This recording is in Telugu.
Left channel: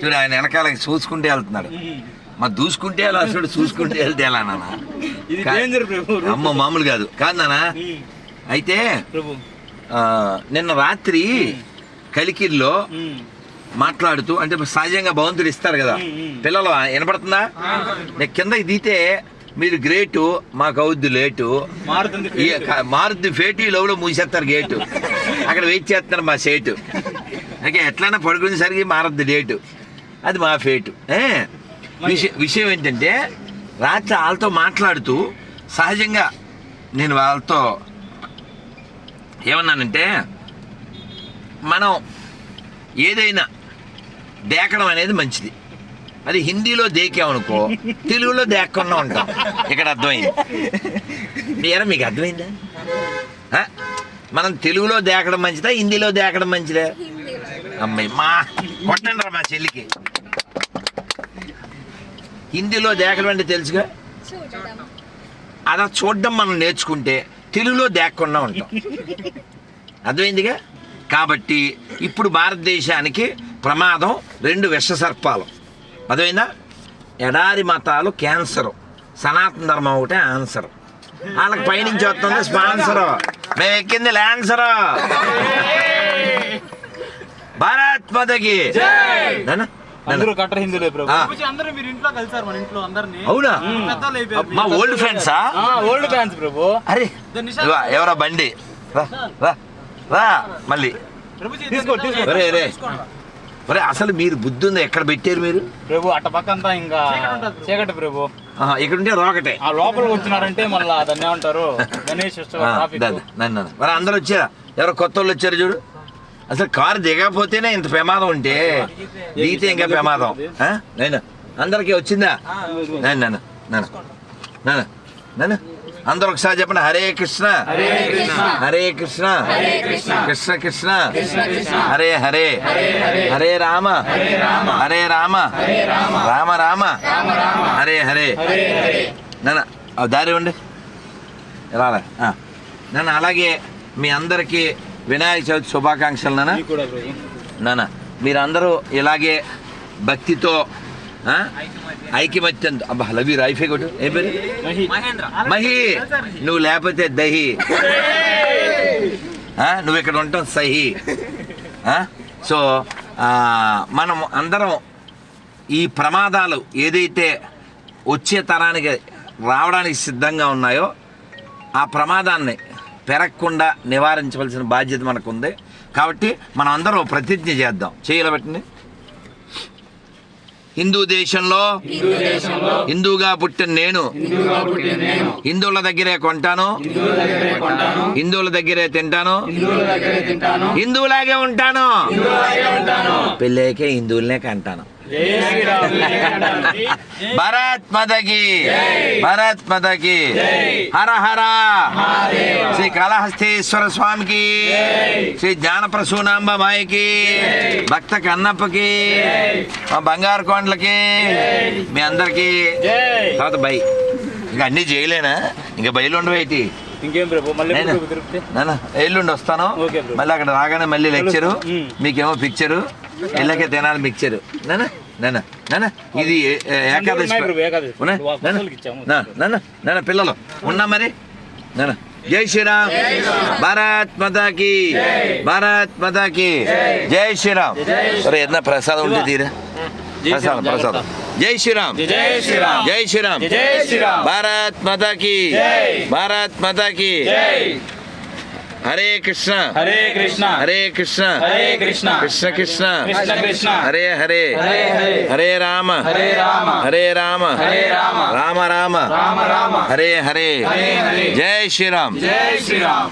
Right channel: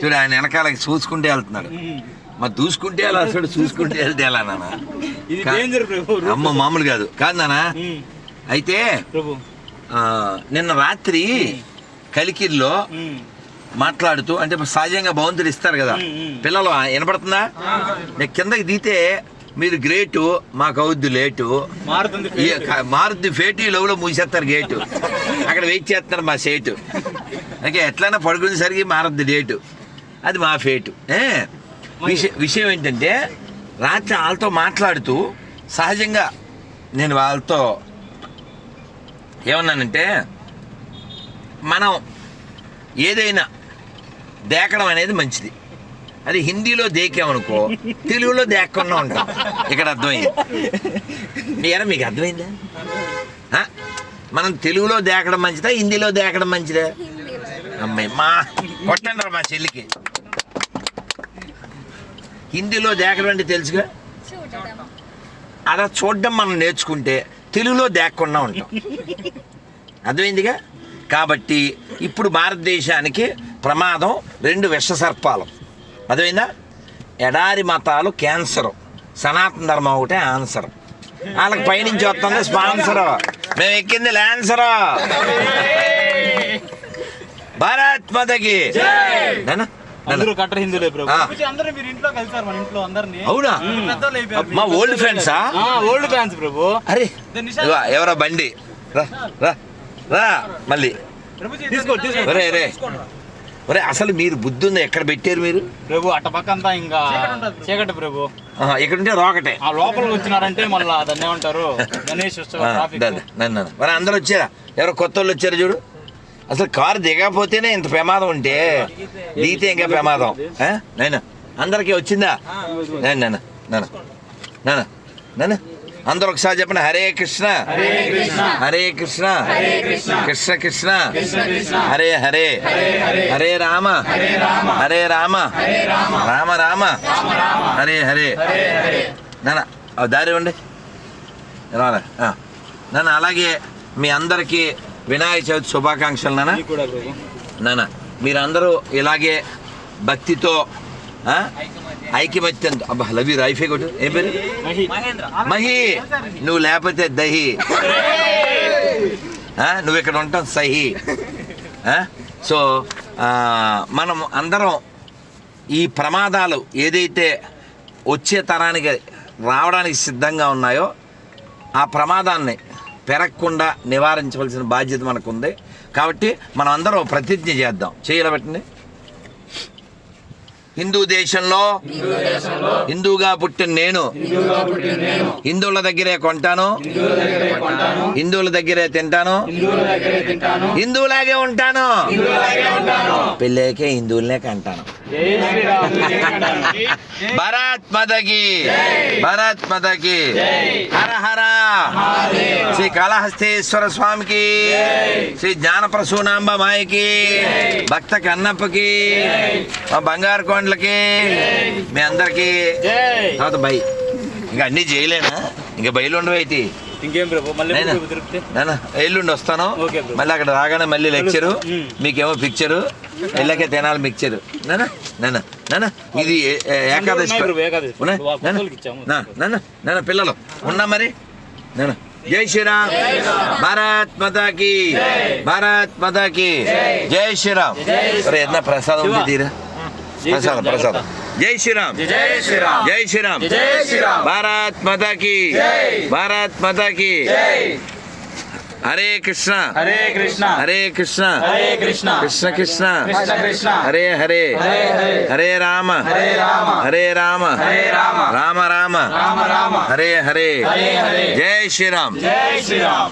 చూడు ఆయన వెనకాల చూసుకుంటే వెళ్తున్నాడు. మరి దూసుకుంటే ఎలా చూడు చూసుకుంటే వెళ్తే ఎలా నాన్న అమ్మ మామూలు కాదు. కాదు నాన్న. ఉమ్, అయితే నిన్న రాత్రి కలికిరిలో ఉమ్, మాట్లాడుతూ అంటే సహజంగా భగవంతుడు ఇస్తారు కదా. పిల్లలు వినపడుతుందా? నేను కిందకి దిగితే మీరు గ్రేటు మాకు అవుద్ది లేటు. మారుతి ఫేటి. లోపల మూసేస్తారు గేటు. అక్కడ వెయిట్ చేస్తున్నారు మా సేటు ఓకే ఎట్లైనా పడుకునేసరికి మారద్ది డేటు. అది మా ఫేటు? విషయం విషయం ఏంటంటే రాత్రి వాళ్ళతో మాట్లాడుతూ సహజంగా నేను వాళ్ళతో ఏమన్నానంటే మనం ఏదైనా దేకడం అనేది మంచిది. అది హిందీలో దేకామనుకో తెలుగులో దేక్కకుండా ఉంటాం. ఇక్కడ అర్థమైంది. ఏరా మీకు అర్థమైందా? మనం తెలుగులో దేకడం మంచిదా హిందీలో దేకడం మంచిదా? అమ్మాయి మా కొట్టండి రా మా చెల్లికి. హిందీలో దేకడం అంటే తెలుసుగా? అలా చూడడం మనం నేర్చుకుంటే తెలుగులో దేకకుండా ఉంటాం. అర్థమైందిగా? కాబట్టి ఇప్పుడు భారతదేశానికి ప్రమాదం రెండు విష సర్పాలు. అర్థమైందా? ఎడారి మతాలు క్యాన్సర్. సనాతన ధర్మం ఒకటే ఆన్సర్. వాళ్ళకి పైనుంచి వస్తుంది స్పాన్సర్. మేము ఎక్కింది ల్యాన్సర్. భారత్ మతకి. అందరూ కట్టర్ హిందువులే ప్రభు. అందరూ మీరు ఇంట్లో కలిసారు మన ఇంట్లో అందరినీ. అవునా. మా ఓల్డ్ ఫ్రెండ్సా ఓల్డ్ ఫ్యాన్స్ ప్రభు. అరే ఎవరా బండి? రా రా రా మళ్ళీ. తీసుకో తీసుకో. ఒరే రే ఒరే అసలు మీరు బుద్ధి ఉంది? ఎక్కడ పెట్టారు మీరు? ప్రభు అట్ట పక్క అంతా ఇంకా చీకటి ప్రభు. ఆహా, ఇక్కడ ఉంటే రోకటే. ఆ లోపలికి వచ్చినారంటే మళ్ళా దాన్ని ఏమంటారు? గణేష్. మరి అందరూ వచ్చారా? ఎవరో కొత్త వాళ్ళు వచ్చారు చూడు. అసలు కారు దిగకపోతేనే ఇంత ప్రమాదం ఉంటే దిగితే ఇంకా ప్రమాదం? నేను? అందరికీ వచ్చిందా? నేను నన్ను నన్ను నన్ను నన్ను అందరూ ఒకసారి చెప్పండి. హరే కృష్ణ. హరే కృష్ణ. కృష్ణ. కృష్ణ. హరే హరే. హరే రామ. హరే రామ. రామ. రామ. హరే హరే. నాన్న దారి ఉండి రాలే. నాన్న అలాగే మీ అందరికీ వినాయక చవితి శుభాకాంక్షలు ప్రభు నాన్న మీరందరూ ఇలాగే భక్తితో ఆ? ఐకమత్యంతో అబ్బా లవ్ యూ రైఫే కొట్టు. ఏం పేరు? మహి. నువ్వు లేకపోతే దహి? నువ్వు ఇక్కడ ఉంటావు సహి? సో మనం అందరం ఈ ప్రమాదాలు ఏదైతే వచ్చే తరానికి రావడానికి సిద్ధంగా ఉన్నాయో ఆ ప్రమాదాన్ని పెరగకుండా నివారించవలసిన బాధ్యత మనకు ఉంది కాబట్టి మనం అందరం ప్రతిజ్ఞ చేద్దాం. చేయలు పెట్టండి. హిందూ దేశంలో హిందూగా పుట్టిన నేను హిందువుల దగ్గరే కొంటాను. హిందువుల దగ్గరే తింటాను. హిందువులాగే ఉంటాను. పెళ్ళాకే హిందువులనే కంటాను. భారత్ మదకి భారత్ మదకి హర హర. శ్రీ కాళహస్తీశ్వర స్వామికి శ్రీ జ్ఞానప్రసూనాంబ మాయకి భక్త కన్నప్పకి మా బంగారు కొండలకి మీ అందరికి. తర్వాత బై. ఇంకా అన్ని చేయలేనా? ఇంకా బయలు ఉండవేటి ఇంకేం ప్రభు మళ్ళీ నేనా? ఎల్లుండి వస్తాను. Okay bro. మళ్ళీ అక్కడ రాగానే మళ్ళీ లెక్చరు. మీకేమో పిక్చరు. ఎల్లకే తినాలి మిక్చరు. నాన్న నాన్న నాన్న ఇది ఏకాదశి ఉన్నాయి బ్రో, ఏకాదశి. ఉన్నా? వాళ్ళ నాన్న? పిల్లలకి ఇచ్చాము. నా, నాన్న నాన్న పిల్లలు ఉన్నా మరి? నాన్న జై శ్రీరామ్. భారత్ మాతాకి. భారత్ మాతాకి. జై. శ్రీరామ్. ఎన్న ప్రసాదం ఉంది తీరా? ప్రసాదం ప్రసాదం. జై శ్రీరామ్ జై శ్రీరామ్ జై శ్రీరామ్ జై శ్రీరామ్ భారత్ మాతాకి భారత్ మాతాకి జై హరే కృష్ణ హరే కృష్ణ హరే కృష్ణ హరే కృష్ణ కృష్ణ కృష్ణ కృష్ణ కృష్ణ హరే హరే హరే హరే హరే రామ హరే రామ హరే రామ హరే రామ రామ రామ రామ రామ హరే హరే హరే హరే జై శ్రీరామ్ జై శ్రీరామ్